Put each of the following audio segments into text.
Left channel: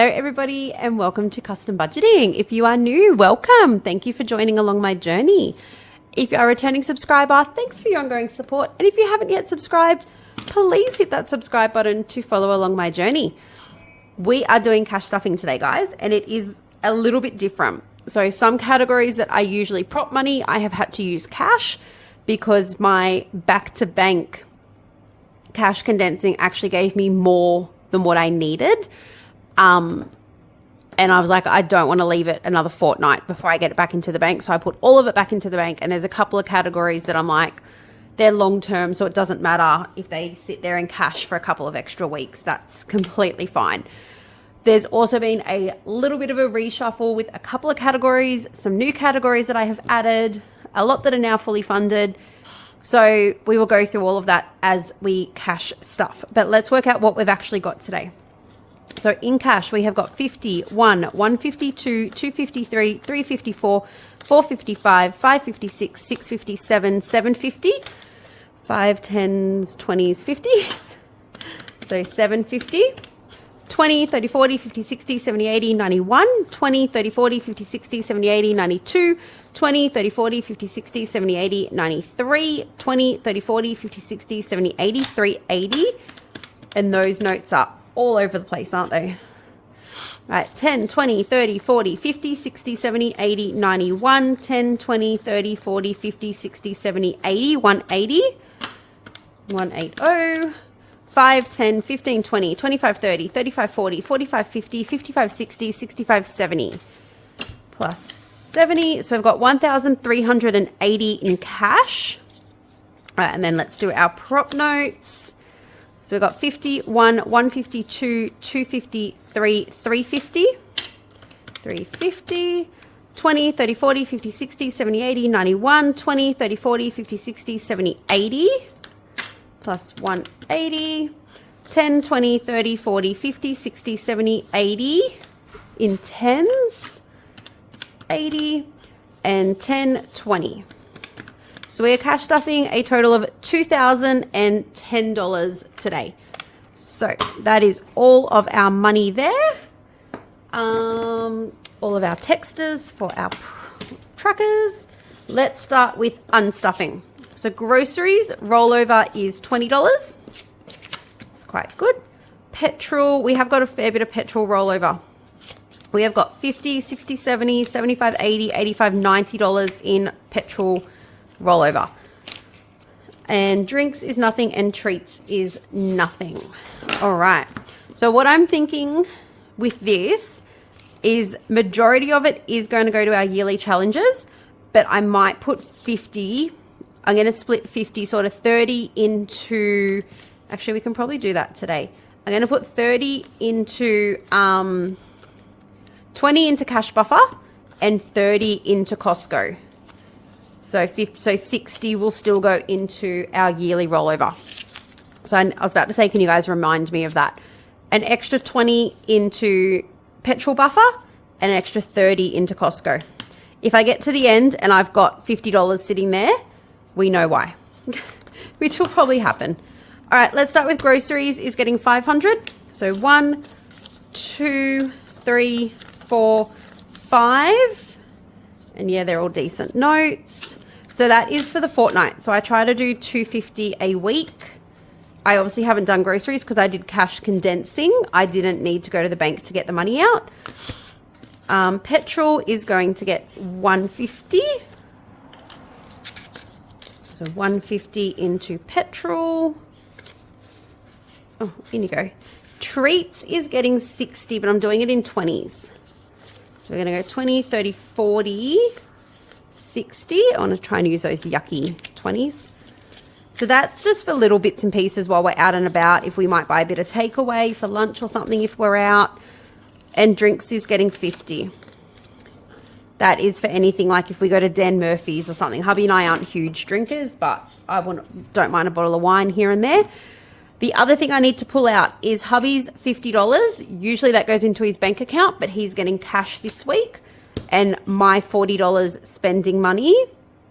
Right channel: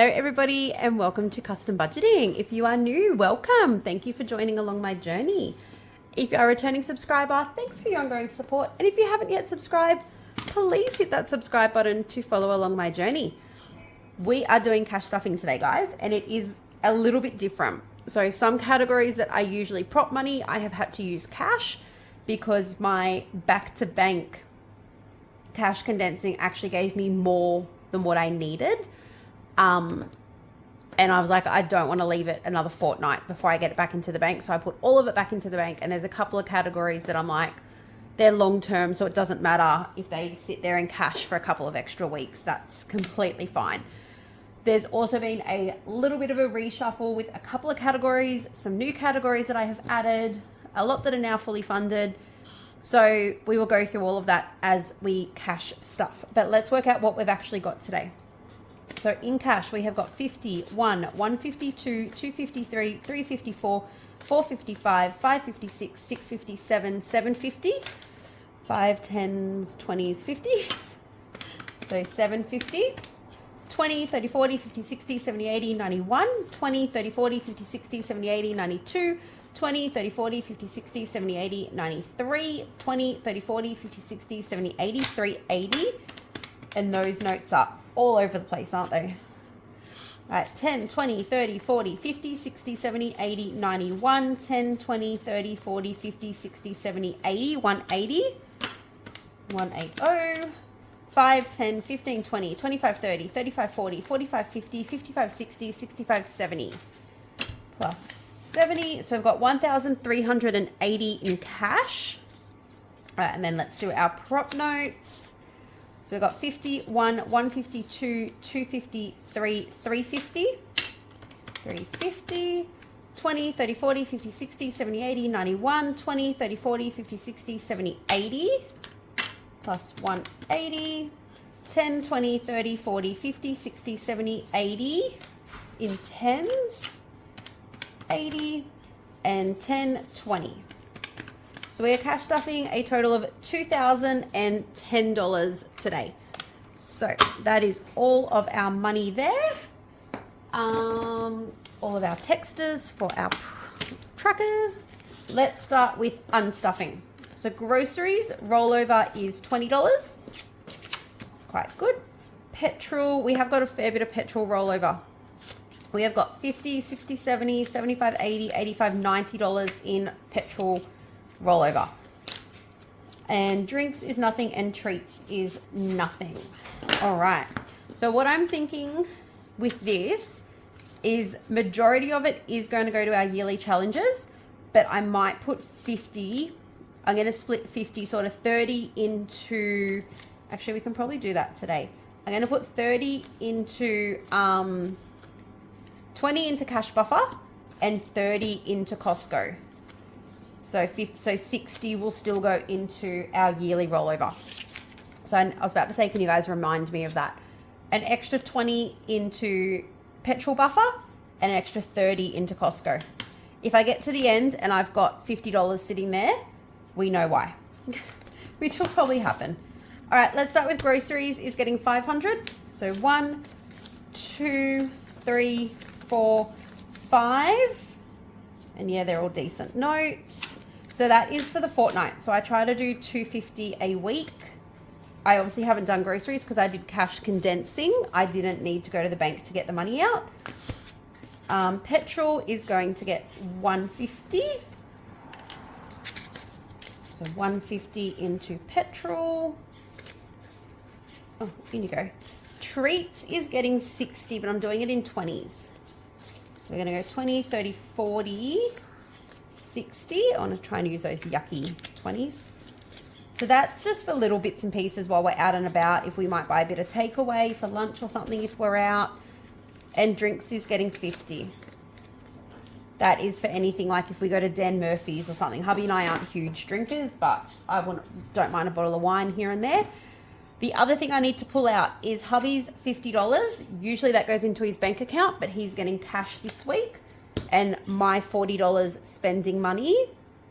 Hello everybody and welcome to Custom Budgeting. If you are new, welcome. Thank you for joining along my journey. If you are a returning subscriber, thanks for your ongoing support. And if you haven't yet subscribed, please hit that subscribe button to follow along my journey. We are doing cash stuffing today, guys, and it is a little bit different. So some categories that I usually prop money, I have had to use cash because my back to bank cash condensing actually gave me more than what I needed. And I was like, I don't want to leave it another fortnight before I get it back into the bank. So I put all of it back into the bank. And there's a couple of categories that I'm like, they're long term, so it doesn't matter if they sit there in cash for a couple of extra weeks. That's completely fine. There's also been a little bit of a reshuffle with a couple of categories, some new categories that I have added, a lot that are now fully funded. So we will go through all of that as we cash stuff. But let's work out what we've actually got today. So in cash, we have got 51, 152, 253, 354, 455, 556, 657, 750, 5, 10s, 20s, 50s. So 750, 20, 30, 40, 50, 60, 70, 80, 91, 20, 30, 40, 50, 60, 70, 80, 92, 20, 30, 40, 50, 60, 70, 80, 93, 20, 30, 40, 50, 60, 70, 80, 380. And those notes are all over the place, aren't they? All right, 10, 20, 30, 40, 50, 60, 70, 80, 91, 10, 20, 30, 40, 50, 60, 70, 80, 180, 180, 5, 10, 15, 20, 25, 30, 35, 40, 45, 50, 55, 60, 65, 70, plus 70. So we've got 1,380 in cash. All right, and then let's do our prop notes. So we've got 51, 152, 253, 350, 350, 20, 30, 40, 50, 60, 70, 80, 91, 20, 30, 40, 50, 60, 70, 80, plus 180, 10, 20, 30, 40, 50, 60, 70, 80 in tens, 80, and 10, 20. So we are cash stuffing a total of $2,010 today. So that is all of our money there. All of our texters for our truckers. Let's start with unstuffing. So groceries rollover is $20. It's quite good. Petrol, we have got a fair bit of petrol rollover. We have got 50, 60, 70, 75, 80, 85, $90 in petrol rollover. And drinks is nothing and treats is nothing. All right. So what I'm thinking with this is majority of it is going to go to our yearly challenges, but I might put 50. I'm going to split 50, sort of 30 into, actually we can probably do that today. I'm going to put 30 into, 20 into cash buffer and 30 into Costco. So 60 will still go into our yearly rollover. So I was about to say, can you guys remind me of that? An extra 20 into petrol buffer and an extra 30 into Costco. If I get to the end and I've got $50 sitting there, we know why, which will probably happen. All right, let's start with groceries is getting 500. So 1, 2, 3, 4, 5. And yeah, they're all decent notes. So that is for the fortnight. So I try to do 250 a week. I obviously haven't done groceries because I did cash condensing. I didn't need to go to the bank to get the money out. Petrol is going to get 150. So 150 into petrol. Oh, in you go. Treats is getting 60, but I'm doing it in 20s. So we're going to go 20, 30, 40, 60. I want to try and use those yucky 20s. So that's just for little bits and pieces while we're out and about. If we might buy a bit of takeaway for lunch or something if we're out. And drinks is getting 50. That is for anything like if we go to Dan Murphy's or something. Hubby and I aren't huge drinkers, but I don't mind a bottle of wine here and there. The other thing I need to pull out is hubby's $50. Usually that goes into his bank account, but he's getting cash this week. And my $40 spending money,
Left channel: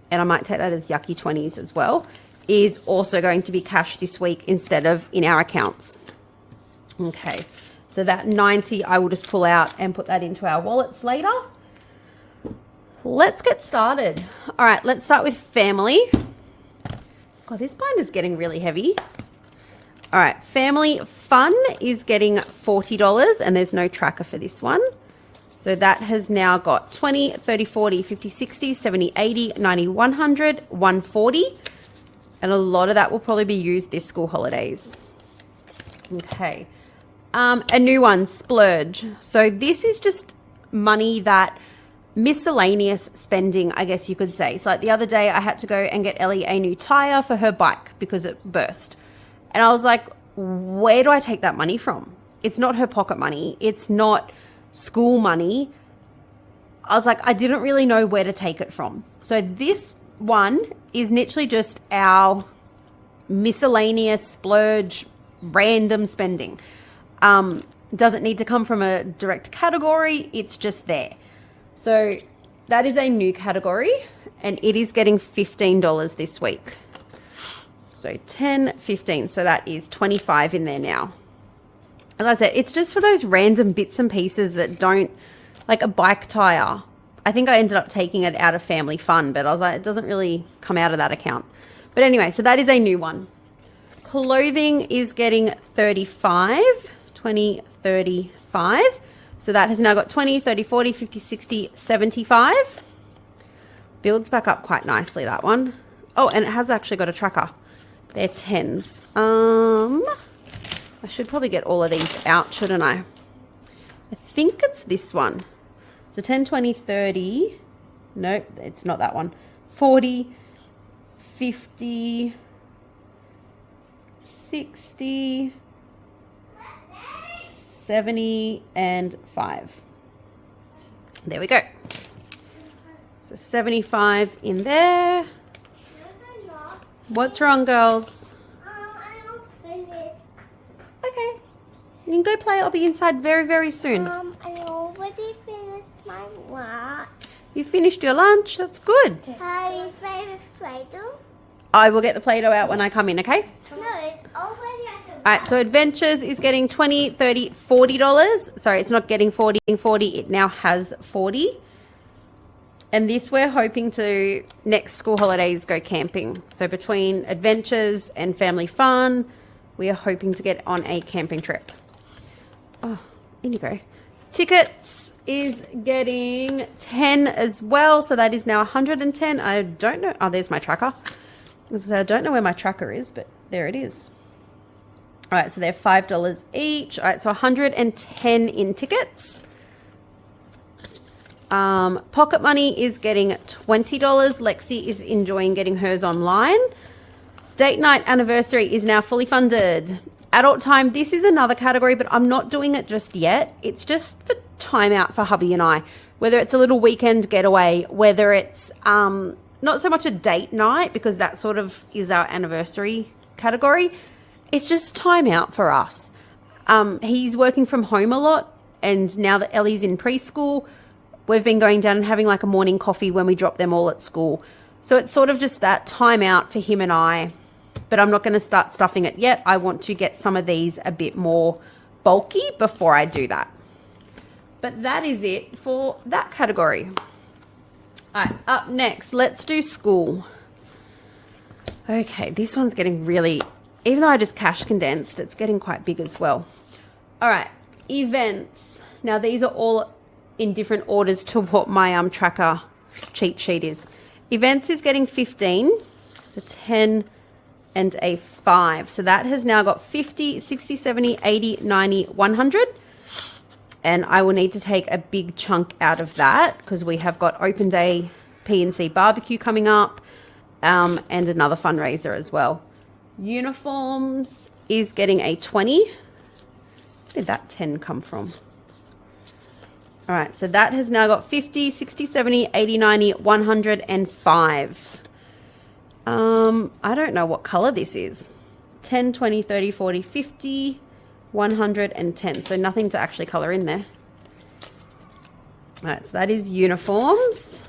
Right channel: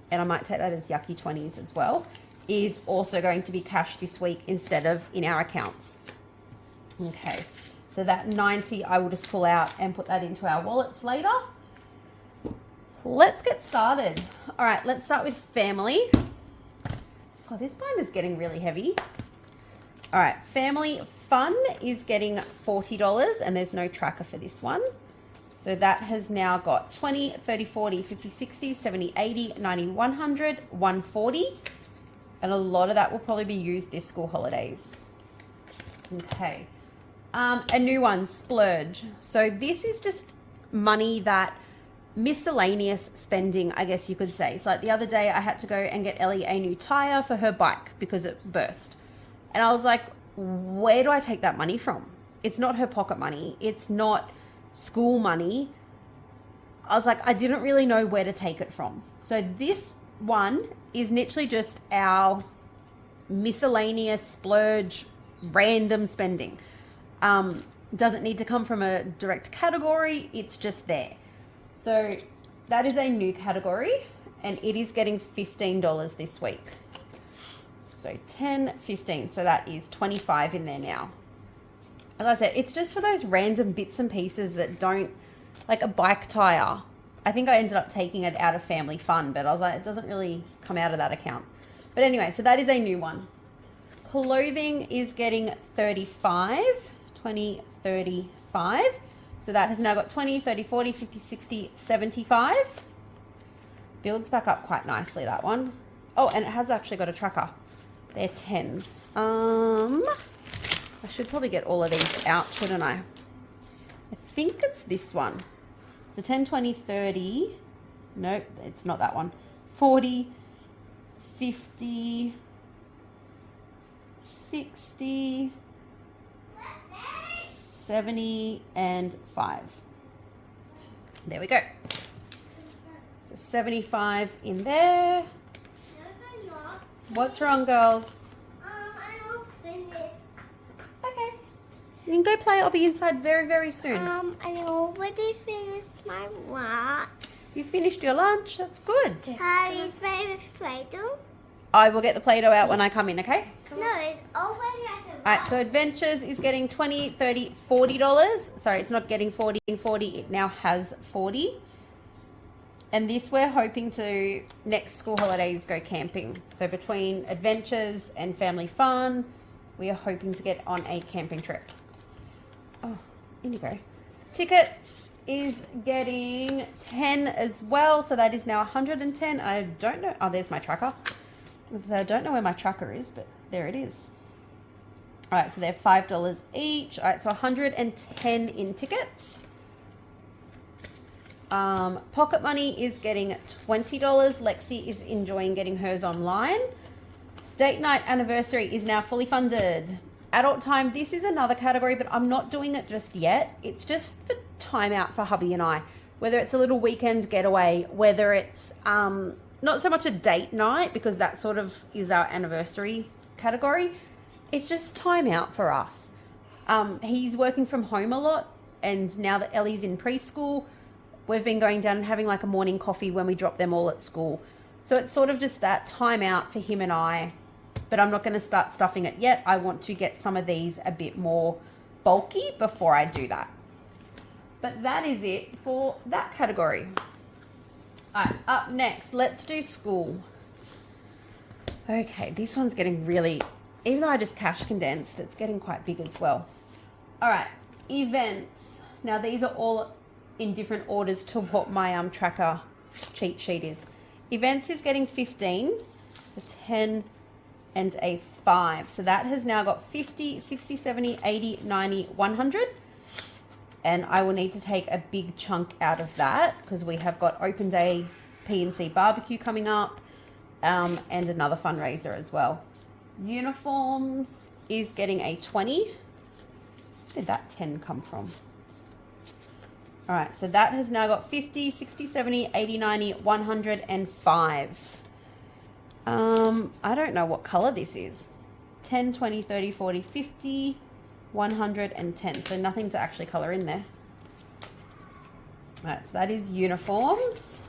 and I might take that as yucky 20s as well, is also going to be cash this week instead of in our accounts. Okay. So that 90 I will just pull out and put that into our wallets later. Let's get started. All right, let's start with family. God, this binder's getting really heavy. All right, family fun is getting $40 and there's no tracker for this one. So that has now got 20, 30, 40, 50, 60, 70, 80, 90, 100, 140. And a lot of that will probably be used this school holidays. Okay. A new one, splurge. So this is just money that miscellaneous spending, I guess you could say. So like the other day I had to go and get Ellie a new tire for her bike because it burst. And I was like, where do I take that money from? It's not her pocket money. It's not school money. I was like, I didn't really know where to take it from. So this one is literally just our miscellaneous splurge, random spending. Doesn't need to come from a direct category. It's just there. So that is a new category and it is getting $15 this week. So 10, 15. So that is 25 in there now. As I said, it's just for those random bits and pieces that don't, like a bike tire. I think I ended up taking it out of family fun, but I was like, it doesn't really come out of that account. But anyway, so that is a new one. Clothing is getting 35, 20, 35. So that has now got 20, 30, 40, 50, 60, 75. Builds back up quite nicely, that one. Oh, and it has actually got a tracker. They're 10s. I should probably get all of these out, shouldn't I? I think it's this one. So 10, 20, 30. Nope, it's not that one. 40, 50, 60, 70, and 5. There we go. So 75 in there. What's wrong, girls? I don't finish. Okay. You can go play. I'll be inside very, very soon. I already finished my wax. You finished your lunch. That's good. How is my Play-Doh? I will get the Play-Doh out when I come in, okay? No, it's already at the All right, so Adventures is getting $20, $30, $40. Sorry, it's not getting 40. It now has 40. And this we're hoping to, next school holidays, go camping. So between Adventures and Family Fun, we are hoping to get on a camping trip. Oh, in you go. Tickets is getting 10 as well. So that is now 110. I don't know. Oh, there's my tracker. So I don't know where my tracker is, but there it is. All right, so they're $5 each. All right, so 110 in tickets. Pocket money is getting $20. Lexi is enjoying getting hers online. Date night anniversary is now fully funded. Adult time, this is another category, but I'm not doing it just yet. It's just for time out for hubby and I. Whether it's a little weekend getaway, whether it's not so much a date night, because that sort of is our anniversary category. It's just time out for us. He's working from home a lot, and now that Ellie's in preschool, we've been going down and having like a morning coffee when we drop them all at school. So it's sort of just that time out for him and I, but I'm not going to start stuffing it yet. I want to get some of these a bit more bulky before I do that. But that is it for that category. All right, up next, let's do school. Okay, this one's getting really, even though I just cash condensed, it's getting quite big as well. All right, events. Now these are all in different orders to what my tracker cheat sheet is. Events is getting 15, so 10 and a 5. So that has now got 50, 60, 70, 80, 90, 100. And I will need to take a big chunk out of that because we have got open day PNC barbecue coming up and another fundraiser as well. Uniforms is getting a 20. Where did that 10 come from? All right, so that has now got 50, 60, 70, 80, 90, 105. I don't know what color this is. 10, 20, 30, 40, 50, 110. So nothing to actually color in there. All right, so that is uniforms.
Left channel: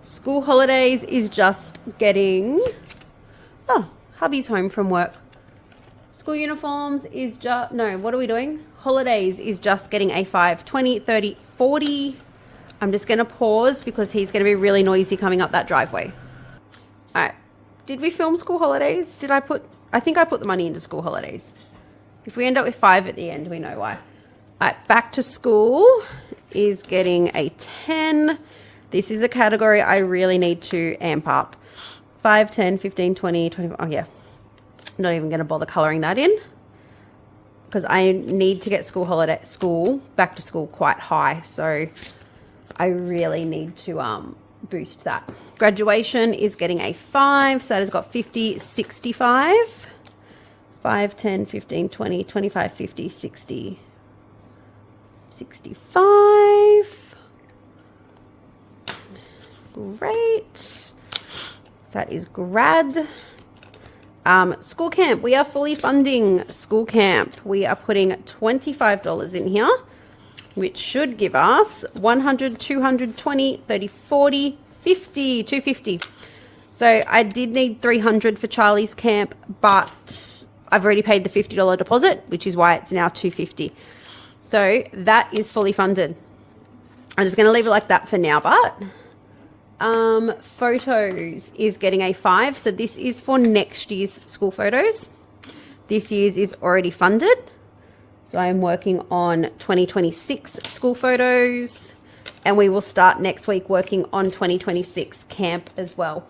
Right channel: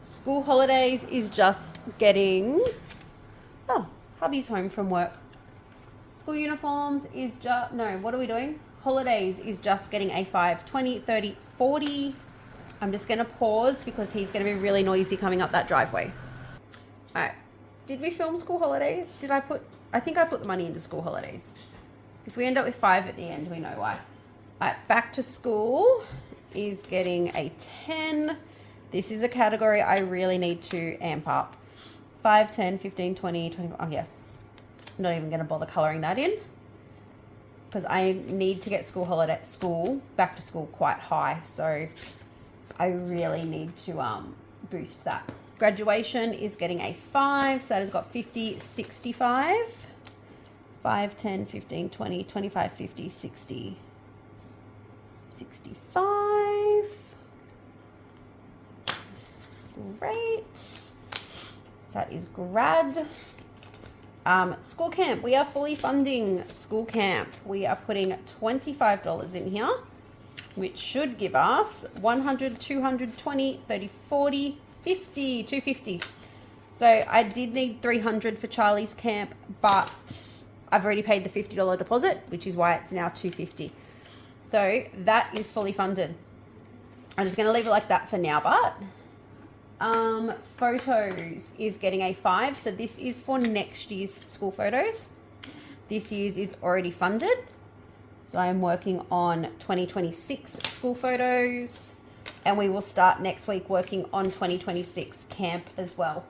School holidays is just getting... Oh, hubby's home from work. School uniforms is just... No, what are we doing? Holidays is just getting a 5. 20, 30, 40. I'm just going to pause because he's going to be really noisy coming up that driveway. All right. Did we film school holidays? I think I put the money into school holidays. If we end up with 5 at the end, we know why. All right. Back to school is getting a 10. This is a category I really need to amp up. 5, 10, 15, 20, 25. Oh, yeah. Not even going to bother coloring that in because I need to get back to school quite high. So I really need to boost that. Graduation is getting a 5. So that has got 50, 65. 5, 10, 15, 20, 25, 50, 60, 65. Great. So that is grad. School camp. We are fully funding school camp. We are putting $25 in here, which should give us 100, 220, 30, 40, 50, 250. So I did need 300 for Charlie's camp, but I've already paid the $50 deposit, which is why it's now 250. So that is fully funded. I'm just going to leave it like that for now, but photos is getting a 5. So this is for next year's school photos. This year's is already funded. So I'm working on 2026 school photos, and we will start next week working on 2026 camp as well.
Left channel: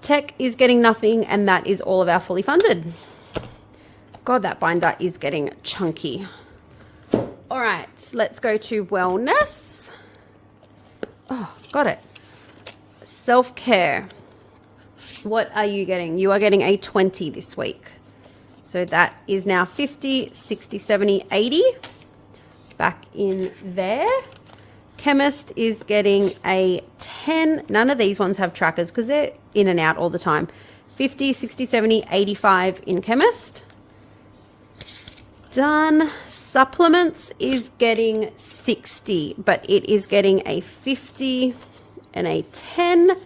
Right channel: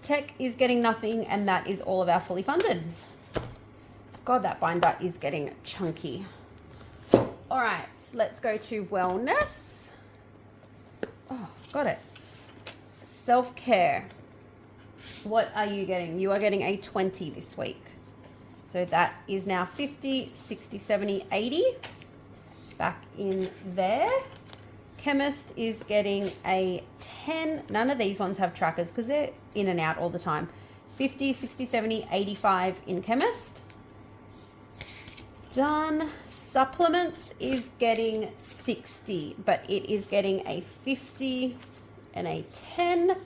Tech is getting nothing, and that is all of our fully funded. God, that binder is getting chunky. All right, let's go to wellness. Oh, got it. Self-care. What are you getting? You are getting a 20 this week. So that is now 50, 60, 70, 80. Back in there. Chemist is getting a 10. None of these ones have trackers because they're in and out all the time. 50, 60, 70, 85 in chemist. Done. Supplements is getting 60, but it is getting a 50 and a 10.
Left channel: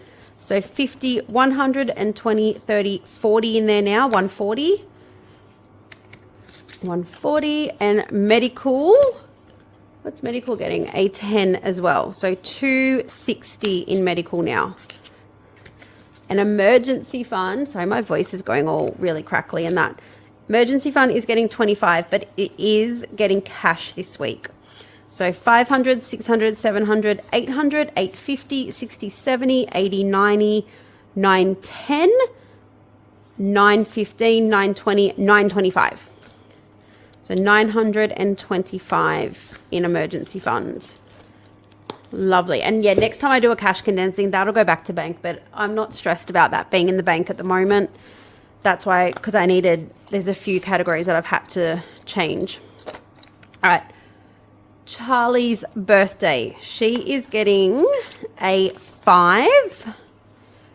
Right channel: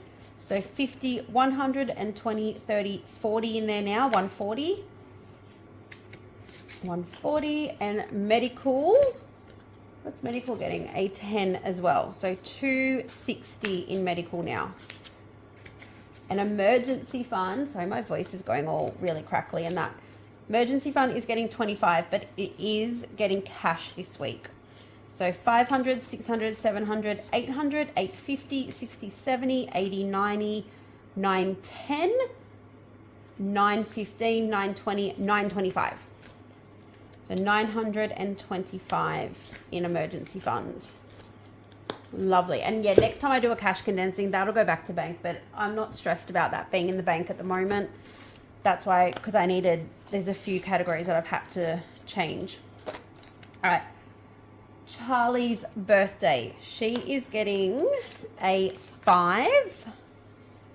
So 50, 120, 30, 40 in there now. 140. 140. And medical. What's medical getting? A 10 as well. So 260 in medical now. An emergency fund. Sorry, my voice is going all really crackly and that. Emergency fund is getting 25, but it is getting cash this week. So 500, 600, 700, 800, 850, 60, 70, 80, 90, 910, 915, 920, 925. So 925 in emergency funds. Lovely. And yeah, next time I do a cash condensing, that'll go back to bank, but I'm not stressed about that being in the bank at the moment. That's why, because there's a few categories that I've had to change. All right. Charlie's birthday. She is getting a 5.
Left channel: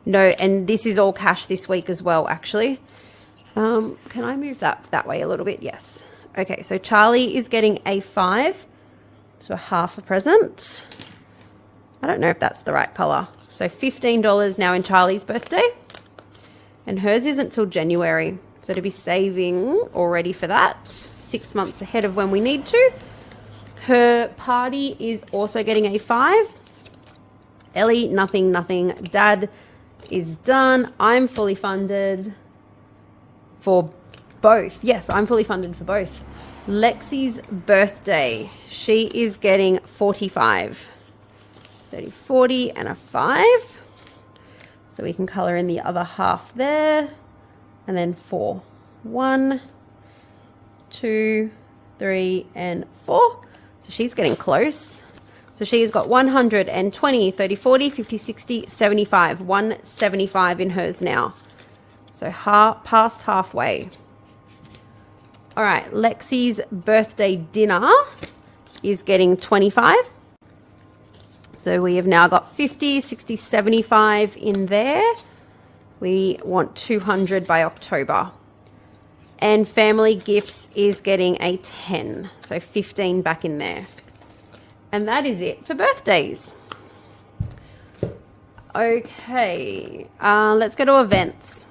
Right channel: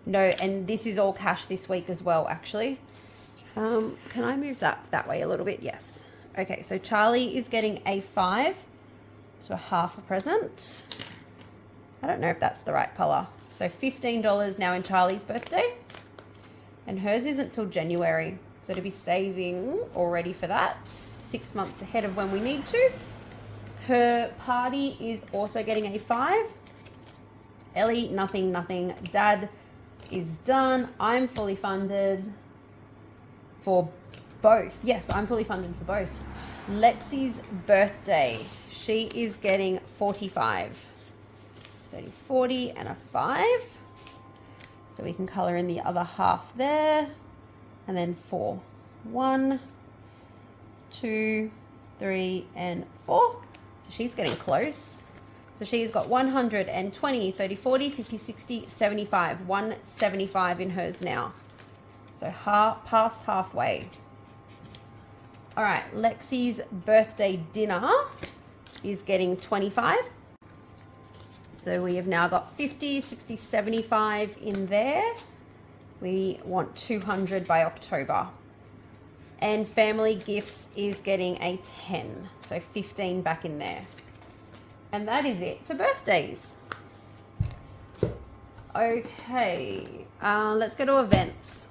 No, and this is all cash this week as well, actually. Can I move that way a little bit? Yes. Okay, so Charlie is getting a 5. So half a present. I don't know if that's the right color. So $15 now in Charlie's birthday. And hers isn't till January. So to be saving already for that, 6 months ahead of when we need to. Her party is also getting a 5. Ellie, nothing. Dad is done. I'm fully funded for both. Yes, I'm fully funded for both. Lexi's birthday. She is getting 45. 30, 40, and a 5. So we can color in the other half there. And then 4. 1, 2, 3, and 4. So she's getting close. So she's got 120, 30, 40, 50, 60, 75. 175 in hers now. So past halfway. All right, Lexi's birthday dinner is getting 25. So we have now got 50, 60, 75 in there. We want 200 by October. And family gifts is getting a 10. So 15 back in there. And that is it for birthdays. Okay, let's go to events.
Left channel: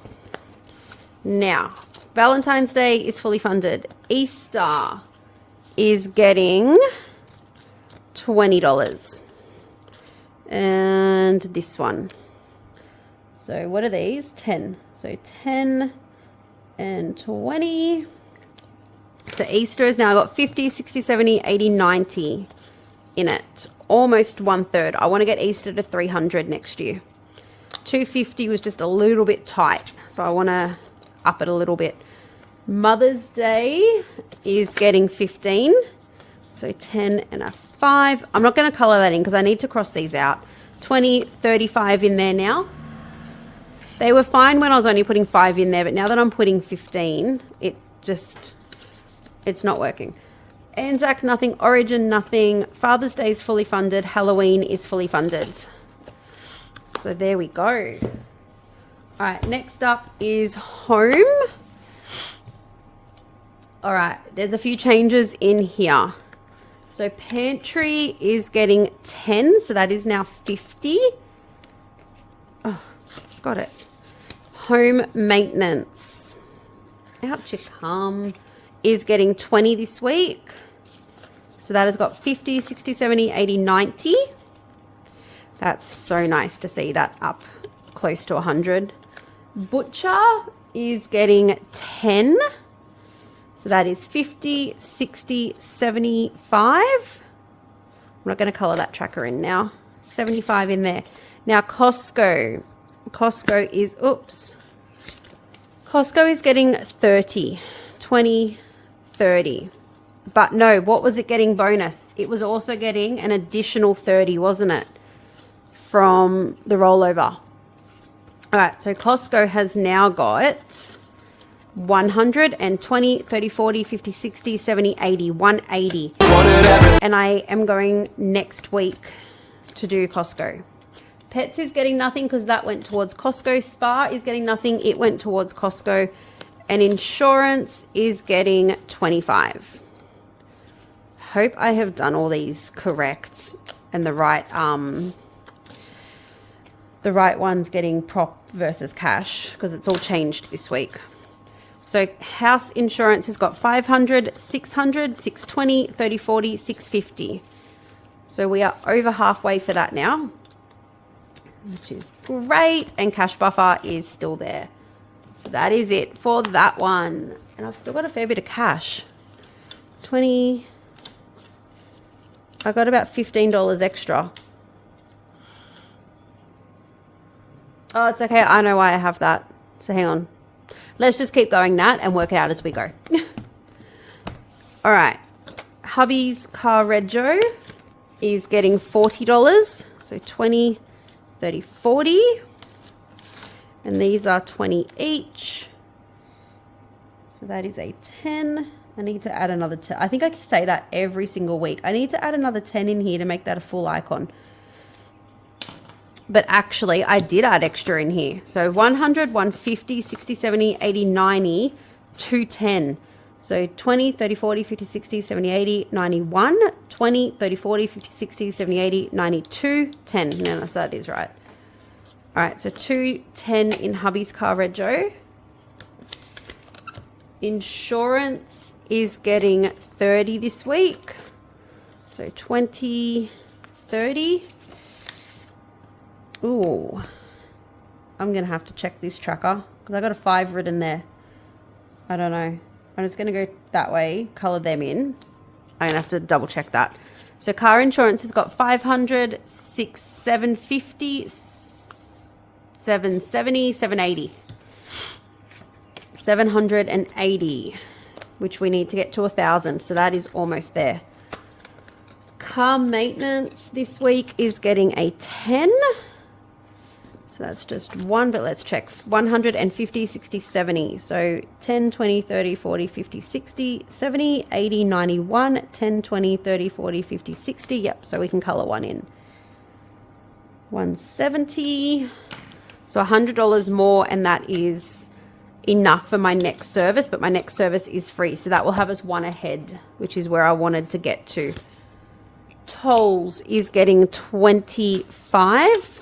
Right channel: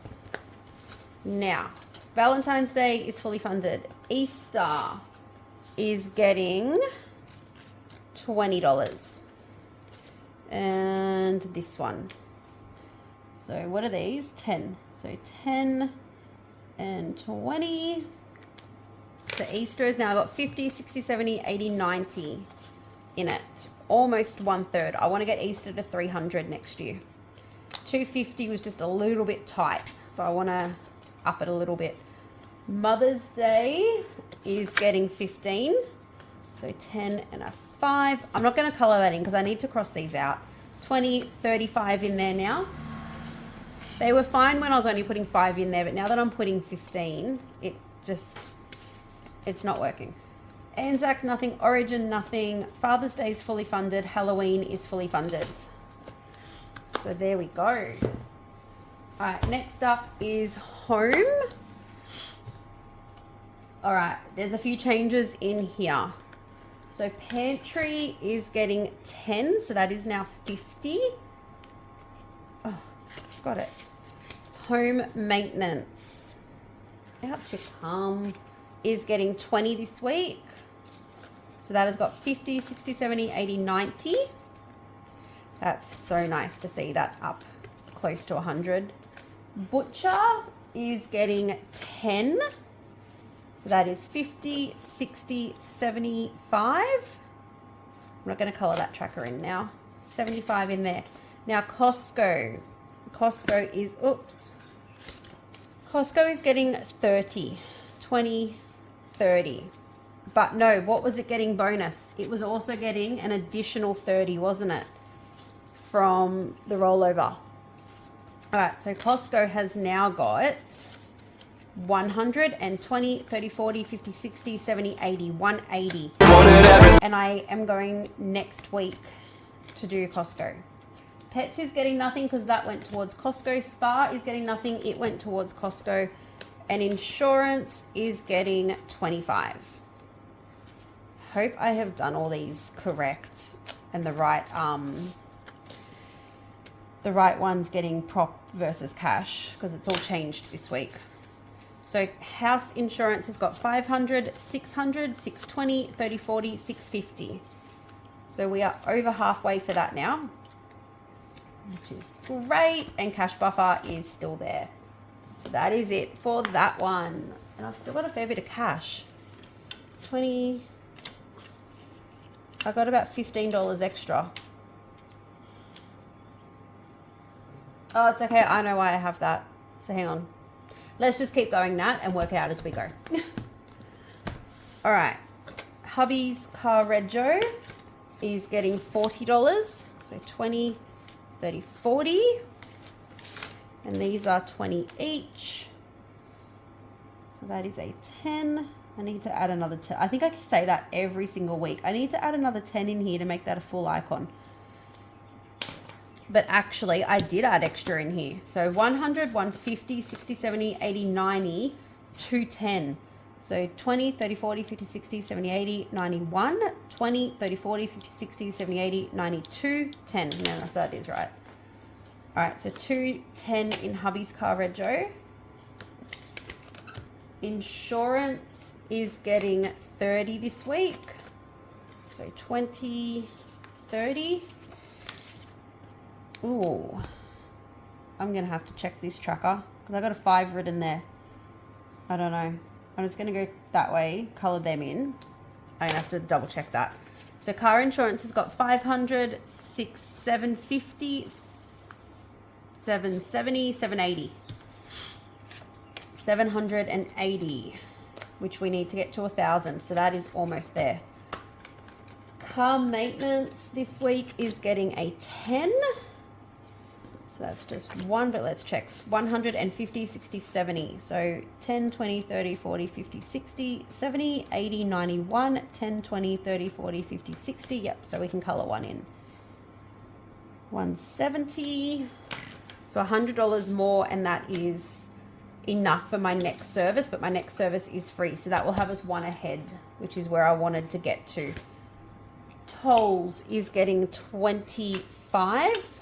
Now, Valentine's Day is fully funded. Easter is getting $20. And this one. So what are these? 10. So 10 and 20. So Easter has now got 50, 60, 70, 80, 90 in it. Almost 1/3. I want to get Easter to 300 next year. 250 was just a little bit tight. So I want to up it a little bit. Mother's Day is getting 15. So 10 and a 5. I'm not going to color that in because I need to cross these out. 20, 35 in there now. They were fine when I was only putting 5 in there, but now that I'm putting 15, it's not working. Anzac, nothing. Origin, nothing. Father's Day is fully funded. Halloween is fully funded. So there we go. All right, next up is home. All right, there's a few changes in here. So pantry is getting 10, so that is now 50. Oh, got it. Home maintenance. Out you come. Is getting 20 this week. So that has got 50, 60, 70, 80, 90. That's so nice to see that up close to 100. Butcher is getting 10. So that is 50, 60, 75. I'm not going to color that tracker in now. 75 in there. Now Costco. Costco is getting 30. 20, 30. But no, what was it getting bonus? It was also getting an additional 30, wasn't it? From the rollover. All right, so Costco has now got 120, 30, 40, 50, 60, 70, 80, 180. And I am going next week to do Costco. Pets is getting nothing because that went towards Costco. Spa is getting nothing. It went towards Costco. And insurance is getting 25. Hope I have done all these correct and the right one's getting prop versus cash because it's all changed this week. So house insurance has got 500, 600, 620, 30, 40, 650. So we are over halfway for that now, which is great. And cash buffer is still there. So that is it for that one. And I've still got a fair bit of cash. 20. I got about $15 extra. Oh, it's okay. I know why I have that. So hang on. Let's just keep going that and work it out as we go. All right. Hubby's car rego is getting $40. So 20, 30, 40. And these are 20 each. So that is a 10. I need to add another 10. I think I can say that every single week. I need to add another 10 in here to make that a full icon. But actually, I did add extra in here. So 100, 150, 60, 70, 80, 90, 210. So 20, 30, 40, 50, 60, 70, 80, 91, 20, 30, 40, 50, 60, 70, 80, 92, 10. No, so that is right. All right, so 210 in hubby's car rego. Insurance is getting 30 this week. So 20, 30. Ooh, I'm going to have to check this tracker because I got a 5 written there. I don't know. I'm just going to go that way, color them in. I'm going to have to double check that. So car insurance has got 500, 6, 750, 770, 780. 780, which we need to get to 1,000. So that is almost there. Car maintenance this week is getting a 10. So that's just one, but let's check. 150, 60, 70. So 10, 20, 30, 40, 50, 60, 70, 80, 91, 10, 20, 30, 40, 50, 60. Yep, so we can color one in. 170. So $100 more, and that is enough for my next service, but my next service is free. So that will have us one ahead, which is where I wanted to get to. Tolls is getting 25.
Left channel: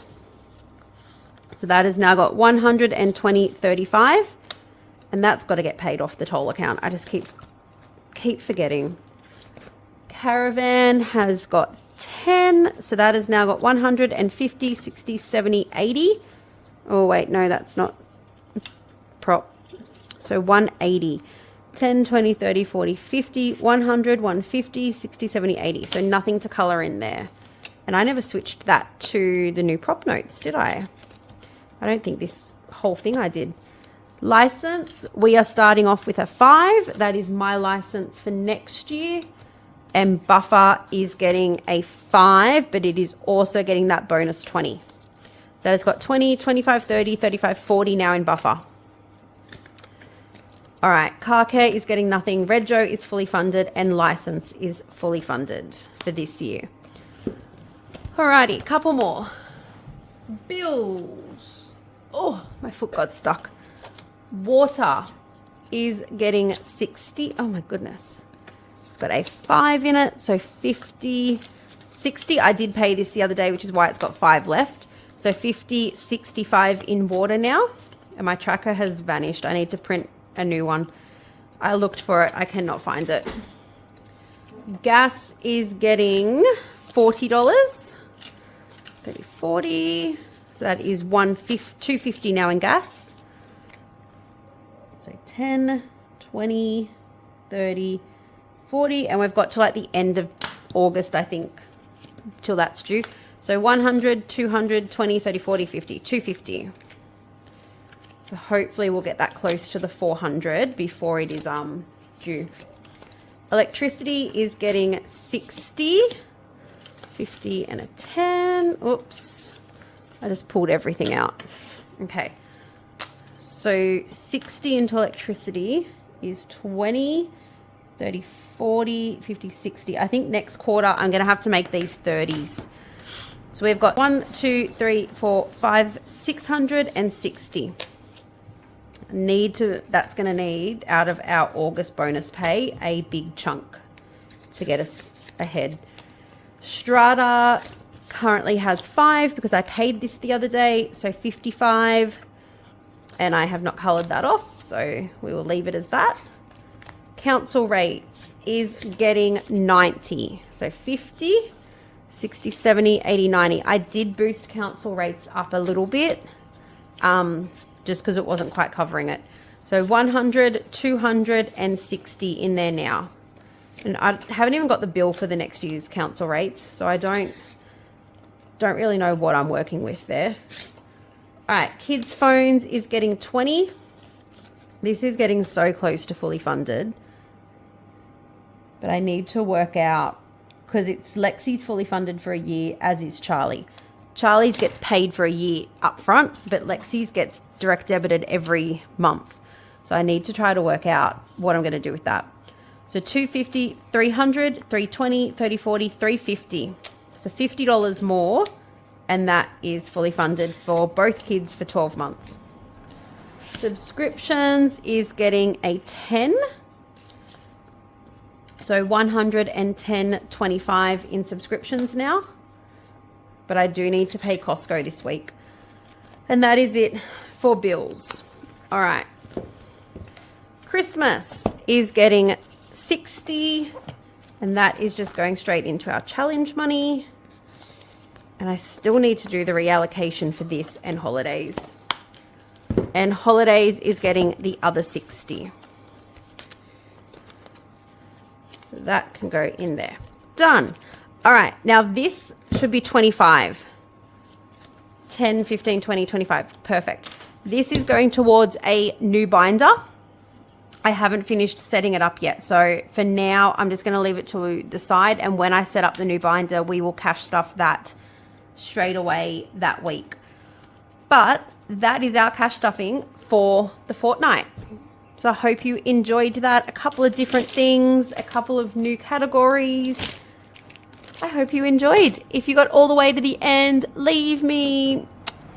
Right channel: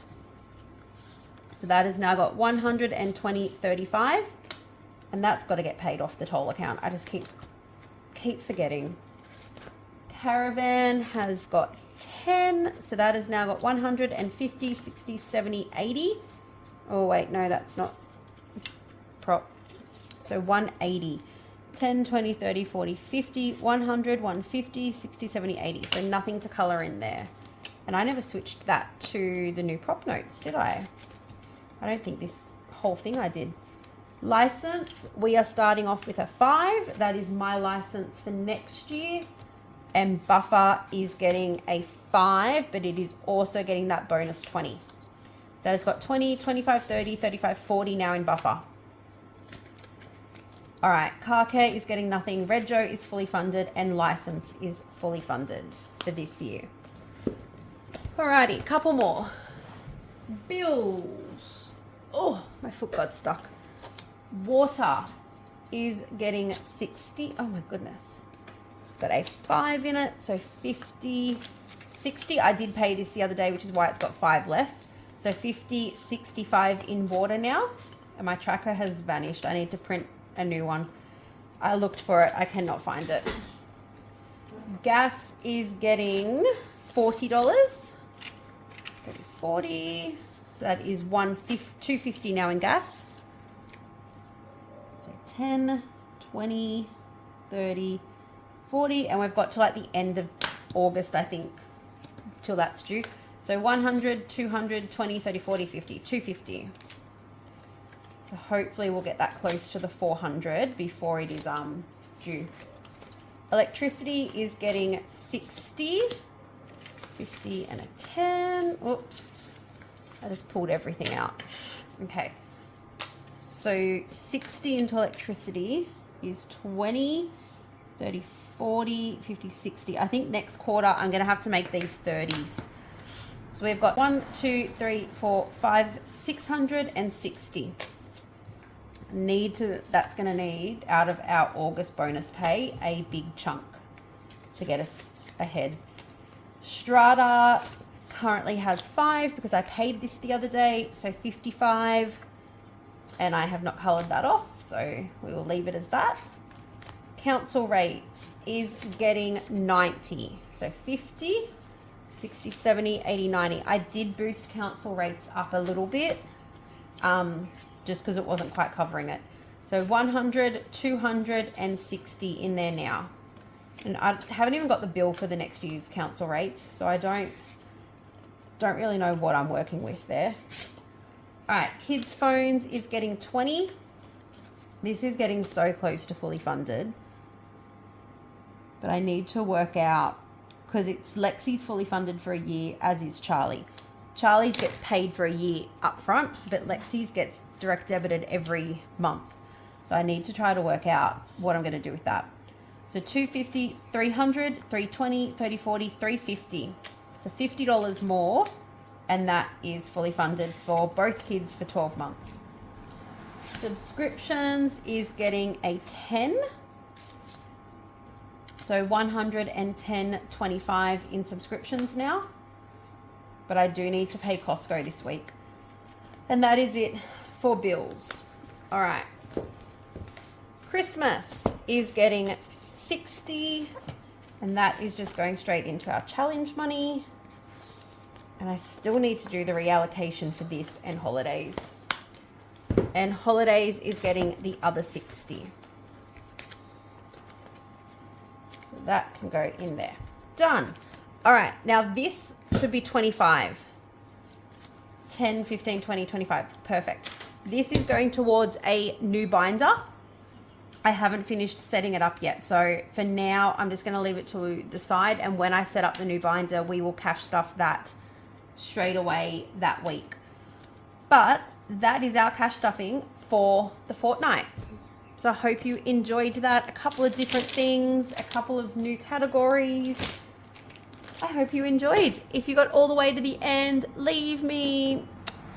So that has now got 120, 35. And that's got to get paid off the toll account. I just keep forgetting. Caravan has got 10. So that has now got 150, 60, 70, 80. Oh, wait, no, that's not prop. So 180. 10, 20, 30, 40, 50, 100, 150, 60, 70, 80. So nothing to color in there. And I never switched that to the new prop notes, did I? I don't think this whole thing I did. License, we are starting off with a 5. That is my license for next year. And buffer is getting a 5, but it is also getting that bonus 20. So it's got 20, 25, 30, 35, 40 now in buffer. All right, car care is getting nothing. Rego is fully funded and license is fully funded for this year. Alrighty, couple more. Bills. Oh, my foot got stuck. Water is getting 60. Oh my goodness. It's got a 5 in it, so 50, 60. I did pay this the other day, which is why it's got 5 left. So 50, 65 in water now. And my tracker has vanished. I need to print a new one. I looked for it. I cannot find it. Gas is getting $40. 30, 40. So that is 250 now in gas. So 10, 20, 30, 40. And we've got to like the end of August, I think, till that's due. So 100, 200, 20, 30, 40, 50, 250. So hopefully we'll get that close to the 400 before it is due. Electricity is getting 60, 50 and a 10. Oops, I just pulled everything out. Okay, so 60 into electricity is 20, 30, 40, 50, 60. I think next quarter I'm going to have to make these 30s. So we've got 1, 2, 3, 4, 5, 660. That's going to need out of our August bonus pay a big chunk to get us ahead. Strata currently has 5 because I paid this the other day, so 55, and I have not colored that off, so we will leave it as that. Council rates is getting 90, so 50, 60, 70, 80, 90. I did boost council rates up a little bit, just because it wasn't quite covering it. So 100, 260 in there now. And I haven't even got the bill for the next year's council rates, so I don't really know what I'm working with there. All right, kids' phones is getting 20. This is getting so close to fully funded. But I need to work out, because it's Lexi's fully funded for a year, as is Charlie. Charlie's gets paid for a year up front, but Lexi's gets direct debited every month. So I need to try to work out what I'm going to do with that. So 250, 300, 320, 30, 40, 350. So $50 more, and that is fully funded for both kids for 12 months. Subscriptions is getting a 10. So 110.25 in subscriptions now. But I do need to pay Costco this week. And that is it for bills. All right. Christmas is getting 60, and that is just going straight into our challenge money. And I still need to do the reallocation for this and holidays. And holidays is getting the other 60. So that can go in there. Done. All right, now this should be 25. 10, 15, 20, 25. Perfect. This is going towards a new binder. I haven't finished setting it up yet. So for now, I'm just going to leave it to the side. And when I set up the new binder, we will cash stuff that straight away that week. But that is our cash stuffing for the fortnight. So I hope you enjoyed that. A couple of different things, a couple of new categories. I hope you enjoyed. If you got all the way to the end, leave me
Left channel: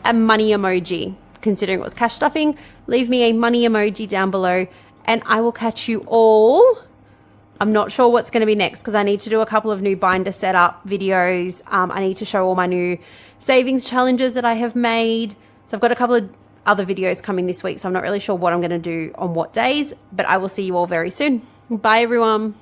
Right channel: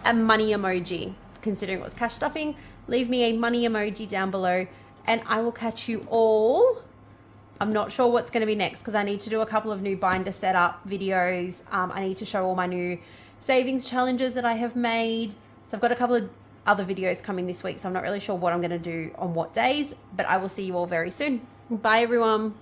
a money emoji. Considering it was cash stuffing, leave me a money emoji down below, and I will catch you all. I'm not sure what's going to be next because I need to do a couple of new binder setup videos. I need to show all my new savings challenges that I have made. So I've got a couple of other videos coming this week, so I'm not really sure what I'm going to do on what days, but I will see you all very soon. Bye, everyone.